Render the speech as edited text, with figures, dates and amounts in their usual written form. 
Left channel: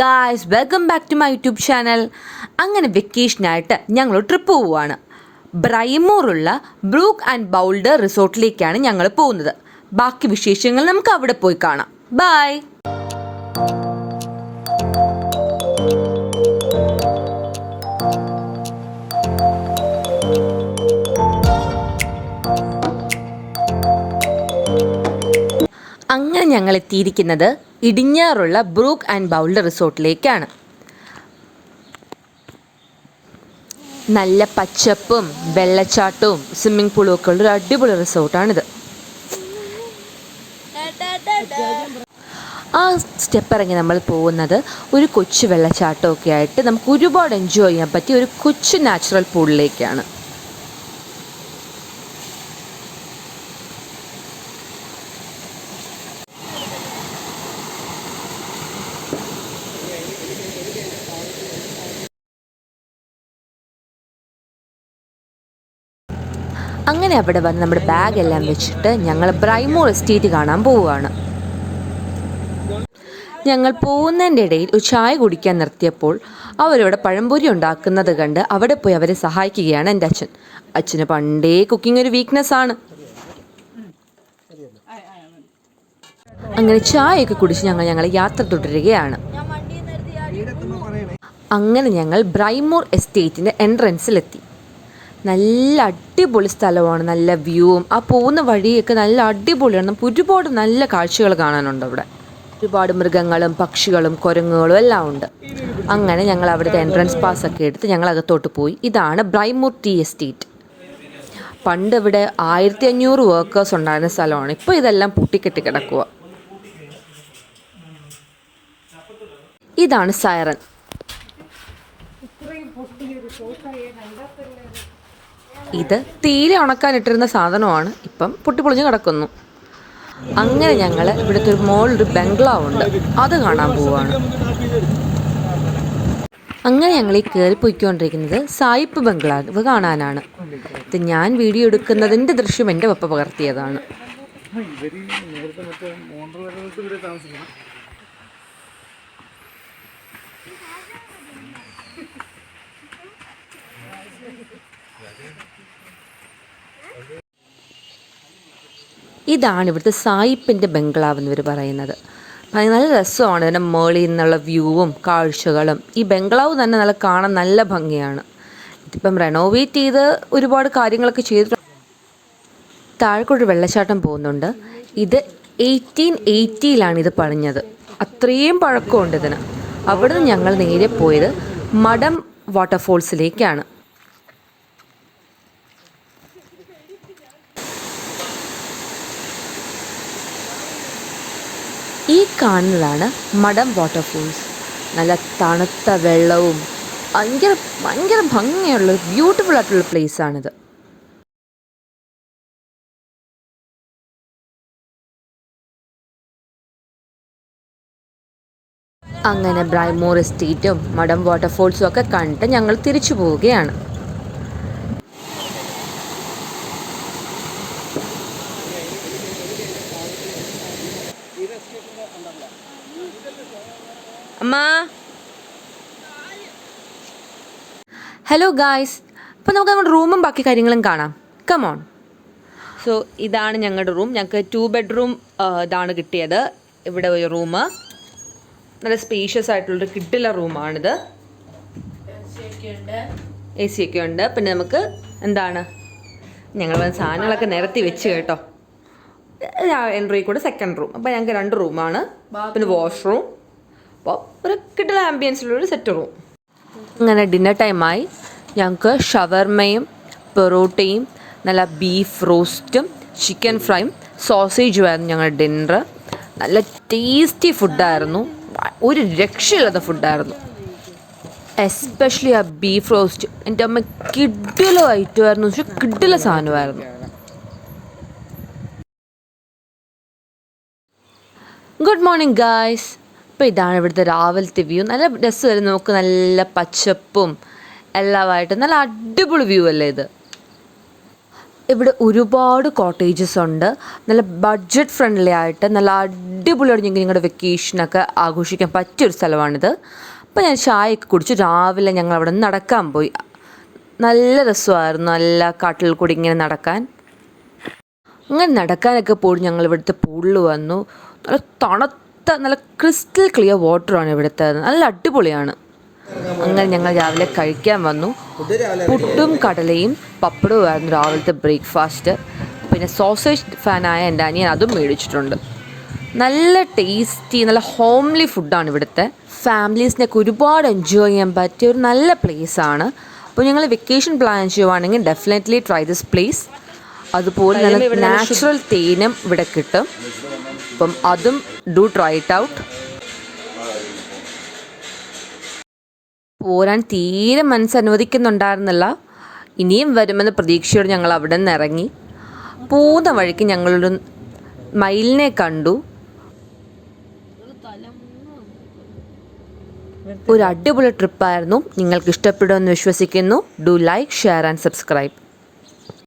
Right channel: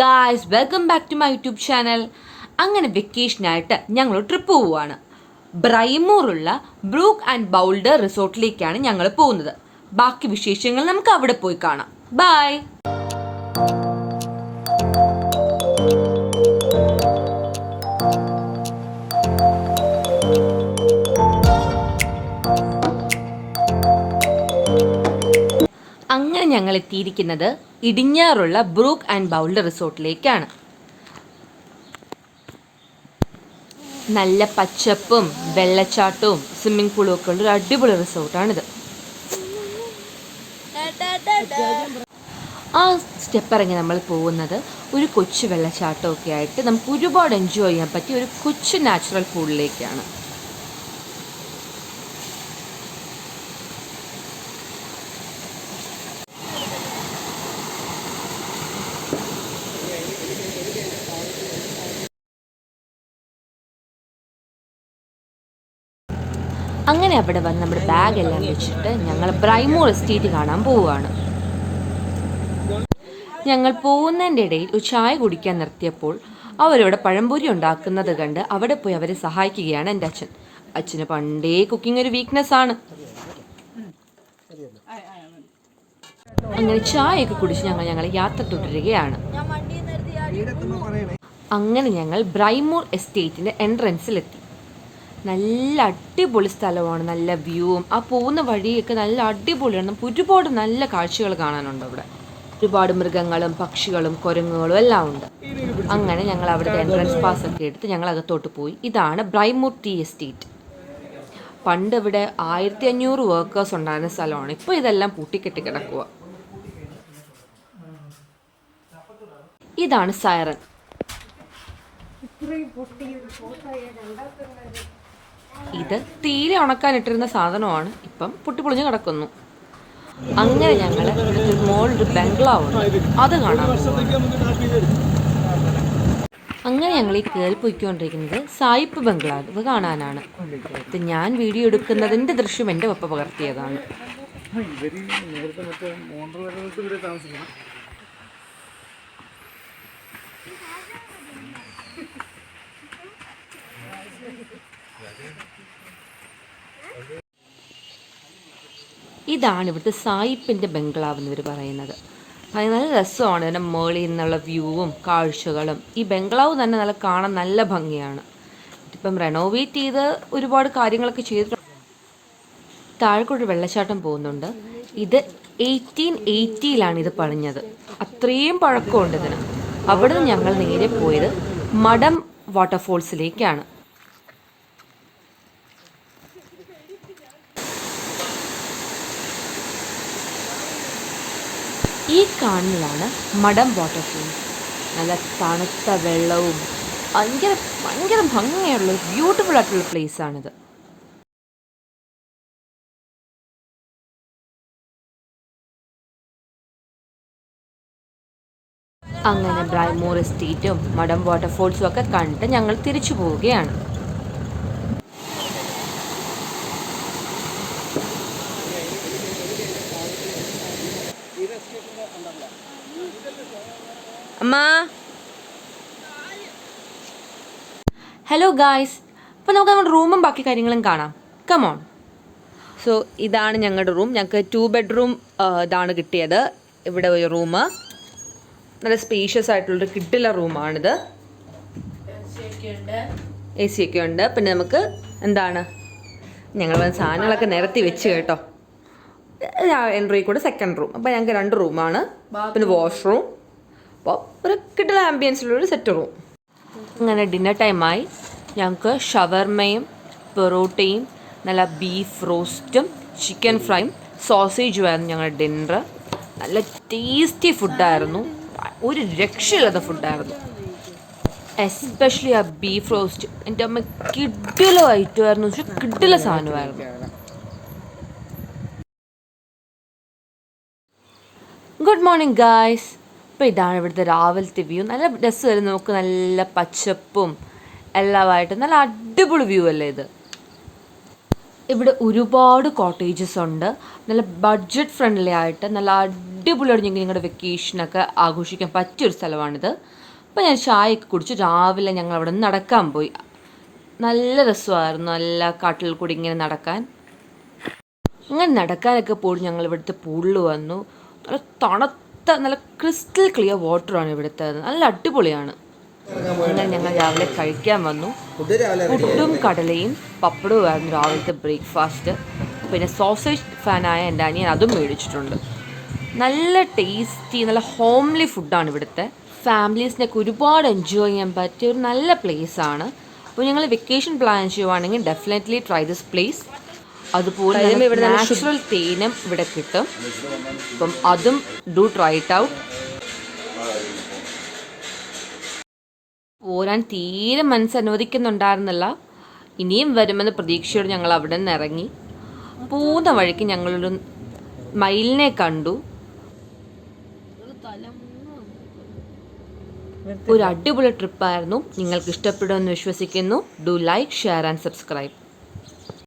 Guys, welcome back to my YouTube channel. അങ്ങനെ വെക്കേഷനായിട്ട് ഞങ്ങൾ ട്രിപ്പ് പോവുകയാണ്. ബ്രൈമൂറുള്ള ബ്രൂക്ക് ആൻഡ് ബൗൾഡർ റിസോർട്ടിലേക്കാണ് ഞങ്ങൾ പോകുന്നത്. ബാക്കി വിശേഷങ്ങൾ നമുക്ക് അവിടെ പോയി കാണാം. ബൈ. അങ്ങനെ ഞങ്ങൾ എത്തിയിരിക്കുന്നത് ഇടിഞ്ഞാറുള്ള ബ്രൂക്ക് ആൻഡ് ബൗൾഡർ റിസോർട്ടിലേക്കാണ്. നല്ല പച്ചപ്പും വെള്ളച്ചാട്ടവും സ്വിമ്മിംഗ് പൂളും ഒക്കെ ഉള്ള ഒരു അടിപൊളി റിസോർട്ടാണിത്. ആ സ്റ്റെപ്പ് ഇറങ്ങി നമ്മൾ പോകുന്നത് ഒരു കൊച്ചു വെള്ളച്ചാട്ടമൊക്കെ ആയിട്ട് നമുക്ക് ഒരുപാട് എൻജോയ് ചെയ്യാൻ പറ്റിയ ഒരു കൊച്ചു നാച്ചുറൽ പൂളിലേക്കാണ്. അങ്ങനെ അവിടെ വന്ന് നമ്മുടെ ബാഗെല്ലാം വെച്ചിട്ട് ഞങ്ങൾ ബ്രൈമൂർ എസ്റ്റേറ്റ് കാണാൻ പോവുകയാണ്. ഞങ്ങൾ പോകുന്നതിൻ്റെ ഇടയിൽ ഒരു ചായ കുടിക്കാൻ നിർത്തിയപ്പോൾ അവരവിടെ പഴംപൊരി ഉണ്ടാക്കുന്നത് കണ്ട് അവിടെ പോയി അവരെ സഹായിക്കുകയാണ് എൻ്റെ അച്ഛൻ. അച്ഛന് പണ്ടേ കുക്കിംഗ് ഒരു വീക്ക്നെസ് ആണ്. അങ്ങനെ ചായയൊക്കെ കുടിച്ച് ഞങ്ങൾ യാത്ര തുടരുകയാണ്. അങ്ങനെ ഞങ്ങൾ ബ്രൈമൂർ എസ്റ്റേറ്റിൻ്റെ എൻട്രൻസിലെത്തി. നല്ല അടിപൊളി സ്ഥലമാണ്, നല്ല വ്യൂവും ആ പോകുന്ന വഴിയൊക്കെ നല്ല അടിപൊളിയാണ്. നമുക്ക് ഒരുപാട് നല്ല കാഴ്ചകൾ കാണാനുണ്ട്. അവിടെ ഒരുപാട് മൃഗങ്ങളും പക്ഷികളും കുരങ്ങുകളും എല്ലാം ഉണ്ട്. അങ്ങനെ ഞങ്ങൾ അവിടുത്തെ എൻട്രൻസ് പാസ് ഒക്കെ എടുത്ത് ഞങ്ങൾ അകത്തോട്ട് പോയി. ഇതാണ് ബ്രൈമൂർ ടീ എസ്റ്റേറ്റ്. പണ്ട് ഇവിടെ 1500 വർക്കേഴ്സ് ഉണ്ടായിരുന്ന സ്ഥലമാണ്. ഇപ്പോൾ ഇതെല്ലാം പൂട്ടിക്കെട്ടി കിടക്കുക. ഇതാണ് സൈറൻ. ഇത് തീരെ ഉണക്കാനിട്ടിരുന്ന സാധനമാണ്, ഇപ്പം പൊട്ടിപ്പൊളിഞ്ഞ് കിടക്കുന്നു. അങ്ങനെ ഞങ്ങൾ ഇവിടുത്തെ മോളിലൊരു ബംഗ്ലാവ് ഉണ്ട്, അത് കാണാൻ പോവുകയാണ്. അങ്ങനെ ഞങ്ങൾ ഈ കയറി പോയിക്കൊണ്ടിരിക്കുന്നത് സായിപ്പ് ബംഗ്ലാവ് കാണാനാണ്. ഇത് ഞാൻ വീഡിയോ എടുക്കുന്നതിൻ്റെ ദൃശ്യം എൻ്റെ പപ്പ പകർത്തിയതാണ്. ഇതാണ് ഇവിടുത്തെ സായിപ്പിൻ്റെ ബംഗ്ലാവ് എന്നിവർ പറയുന്നത്. നല്ല രസമാണ് ഇതിൻ്റെ മുകളിൽ നിന്നുള്ള വ്യൂവും കാഴ്ചകളും. ഈ ബംഗ്ലാവ് തന്നെ നല്ല കാണാൻ നല്ല ഭംഗിയാണ്. ഇതിപ്പം റെനോവേറ്റ് ചെയ്ത് ഒരുപാട് കാര്യങ്ങളൊക്കെ ചെയ്തിട്ടുണ്ട്. താഴെക്കൂടെ വെള്ളച്ചാട്ടം പോകുന്നുണ്ട്. ഇത് 1880 ഇത് പണിഞ്ഞത്. അത്രയും പഴക്കമുണ്ട് ഇതിന്. അവിടെ നിന്ന് ഞങ്ങൾ നേരെ പോയത് മഡം വാട്ടർഫോൾസിലേക്കാണ്. ഈ കാണുന്നതാണ് മഡം വാട്ടർഫോൾസ്. നല്ല തണുത്ത വെള്ളവും ഭയങ്കര ഭംഗിയുള്ള ബ്യൂട്ടിഫുൾ ആയിട്ടുള്ള പ്ലേസാണിത്. അങ്ങനെ ബ്രൈമൂർ എസ്റ്റേറ്റും മഡം വാട്ടർഫോൾസും ഒക്കെ കണ്ടിട്ട് ഞങ്ങൾ തിരിച്ചു പോവുകയാണ്. അമ്മ, ഹലോ ഗായ്സ്, അപ്പോൾ നമുക്ക് നമ്മുടെ റൂമും ബാക്കി കാര്യങ്ങളും കാണാം. കമോൺ. സോ ഇതാണ് ഞങ്ങളുടെ റൂം. ഞങ്ങൾക്ക് 2 ബെഡ്റൂം ഇതാണ് കിട്ടിയത്. ഇവിടെ ഒരു റൂം, നല്ല സ്പേഷ്യസ് ആയിട്ടുള്ളൊരു കിഡിലെ റൂമാണിത്. എ സി ഒക്കെ ഉണ്ട്. പിന്നെ നമുക്ക് എന്താണ്, ഞങ്ങൾ സാധനങ്ങളൊക്കെ നിരത്തി വെച്ച് കേട്ടോ. എൻട്രി കൂടെ സെക്കൻഡ് റൂം. അപ്പോൾ ഞങ്ങൾക്ക് 2 റൂമാണ്, പിന്നെ വാഷ്റൂം. അപ്പോൾ ഒരു കിഡിലെ ആംബിയൻസിലുള്ളൊരു സെറ്റ് റൂം. അങ്ങനെ ഡിന്നർ ടൈമായി. ഞങ്ങൾക്ക് ഷവർമയും പൊറോട്ടയും നല്ല ബീഫ് റോസ്റ്റും ചിക്കൻ ഫ്രൈയും സോസേജും ആയിരുന്നു ഞങ്ങളുടെ ഡിന്നർ. നല്ല ടേസ്റ്റി ഫുഡായിരുന്നു, ഒരു രക്ഷയില്ലാത്ത ഫുഡായിരുന്നു. എസ്പെഷ്യലി ആ ബീഫ് റോസ്റ്റ് എൻ്റെ അമ്മ കിഡിലെ ഐറ്റമായിരുന്നു, പക്ഷെ കിഡിലെ സാധനമായിരുന്നു. Good morning guys. അപ്പോൾ ഇതാണ് ഇവിടുത്തെ രാവിലത്തെ വ്യൂ. നല്ല രസമായിരുന്നു. നമുക്ക് നല്ല പച്ചപ്പും എല്ലാമായിട്ട് നല്ല അടിപൊളി വ്യൂ അല്ലേ ഇത്. ഇവിടെ ഒരുപാട് കോട്ടേജസ് ഉണ്ട്. നല്ല ബഡ്ജറ്റ് ഫ്രണ്ട്ലി ആയിട്ട് നല്ല അടിപൊളിയായിട്ട് ഞങ്ങൾക്ക് നിങ്ങളുടെ വെക്കേഷനൊക്കെ ആഘോഷിക്കാൻ പറ്റിയൊരു സ്ഥലമാണിത്. അപ്പോൾ ഞാൻ ചായയൊക്കെ കുടിച്ച് രാവിലെ ഞങ്ങൾ അവിടെ നിന്ന് നടക്കാൻ പോയി. നല്ല രസമായിരുന്നു, നല്ല കാട്ടിൽ കൂടി ഇങ്ങനെ നടക്കാൻ. അങ്ങനെ നടക്കാനൊക്കെ പോയി ഞങ്ങൾ ഇവിടുത്തെ പൂളിൽ വന്നു. നല്ല തണുത്ത നല്ല ക്രിസ്റ്റൽ ക്ലിയർ വാട്ടറാണ് ഇവിടുത്തെ, നല്ല അടിപൊളിയാണ്. അങ്ങനെ ഞങ്ങൾ രാവിലെ കഴിക്കാൻ വന്നു. പുട്ടും കടലയും പപ്പടവുമായിരുന്നു രാവിലത്തെ ബ്രേക്ക്ഫാസ്റ്റ്. പിന്നെ സോസേജ് ഫാനായ എൻ്റെ അനിയൻ അതും മേടിച്ചിട്ടുണ്ട്. നല്ല ടേസ്റ്റി നല്ല ഹോംലി ഫുഡാണ് ഇവിടുത്തെ. ഫാമിലീസിനൊക്കെ ഒരുപാട് എൻജോയ് ചെയ്യാൻ പറ്റിയ ഒരു നല്ല പ്ലേസാണ്. അപ്പോൾ ഞങ്ങൾ വെക്കേഷൻ പ്ലാൻ ചെയ്യുവാണെങ്കിൽ ഡെഫിനറ്റ്ലി ട്രൈ ദിസ് പ്ലേസ്. അതുപോലെ ഇവിടെ നാച്ചുറൽ തേനും ഇവിടെ കിട്ടും. അപ്പം അതും ഡു ട്രൈ ഇറ്റ് ഔട്ട്. പോരാൻ തീരെ മനസ്സനുവദിക്കുന്നുണ്ടായിരുന്നില്ല. ഇനിയും വരുമെന്ന് പ്രതീക്ഷയോടെ ഞങ്ങൾ അവിടെ നിന്ന് ഇറങ്ങി. പോകുന്ന വഴിക്ക് ഞങ്ങളൊരു മയിലിനെ കണ്ടു. ഒരു അടിപൊളി ട്രിപ്പായിരുന്നു. നിങ്ങൾക്ക് ഇഷ്ടപ്പെടുമെന്ന് വിശ്വസിക്കുന്നു. Do like, share and subscribe.